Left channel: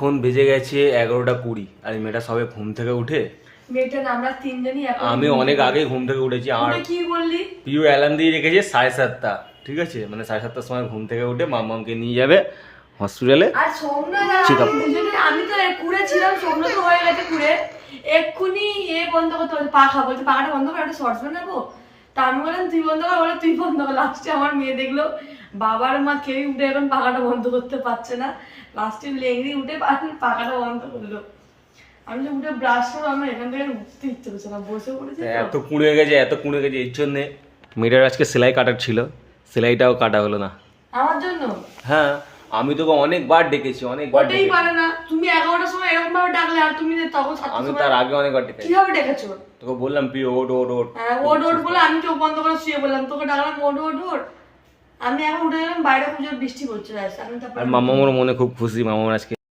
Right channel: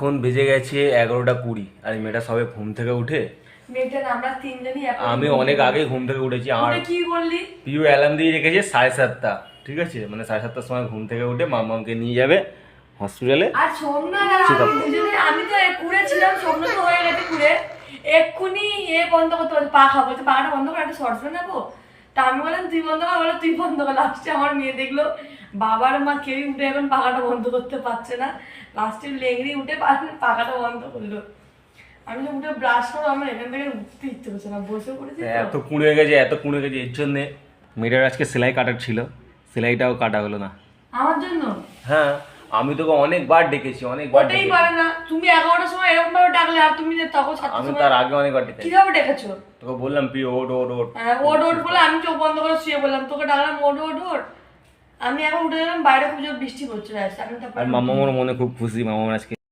এখন বেজে গেছে 11:20 আর এই মেয়েটা সবে ঘুম থেকে উঠে আমরা তিনজনই আমি অনেক আগে ঘুম থেকে উঠেছি। আমার কি বললি প্রিয় অ্যালার্ম দিয়ে রেখেছে 7:30, ঠিক আছে, মানে 7:30 সময় ঘুম থেকে উঠে মামাকে নিয়ে যাবে হসপিটালে। আর আমি তো কুড়ে ছিলাম, স্বপ্ন তো হয়ে গেছে কুড়ে, এক্ষুনি বন্ধ করতে বলছে, পাখা বলছে পাখাটা বন্ধ করে একটা শর্টস নেবো। তা আমি বললাম তুই বন্ধ কর, বলো তুই বন্ধ কর। লাস্টে আমার মেয়ে দেখলো বাবার মা কেউই উঠে এখন পাখাটা বন্ধ করতে পারছে না, লাস্টে লেংড়ি উঠে পাখাটা বন্ধ করলো। আমি যে উঠে ব্রাশ করে আমার এখান থেকে উঠতে ইচ্ছে করছে না, বসে পড়েছি। এত কুঁড়ে গেছে এর জন্যে মেয়েটার আজকে সেলাই কাটার ছিল, সেলাইটাও কাটা হলো না আমার জন্য। হ্যাঁ, আমি তোকে অনেকবার ডেকেছি, অনেকবার ওটাই পারে না, তুমি 11টার সময় এরকম ভাবে ডাকলে আর তুমি তখন আমি তার আগে অনেকবার ডেকেছি। কিভাবে ডেকেছো? তোকে বললাম প্রিয় ওট ওট ওট, হ্যাঁ ওট ওট বলে আমি চোখ বন্ধ করে শুয়ে বললাম, তোকে ডাকলাম ওট ওট ওট। আমি এখন উঠে গেলাম, বাইরে খুব জোর বৃষ্টি পড়ছে। আর মামার মনে খুব খুশি, মামার আজকে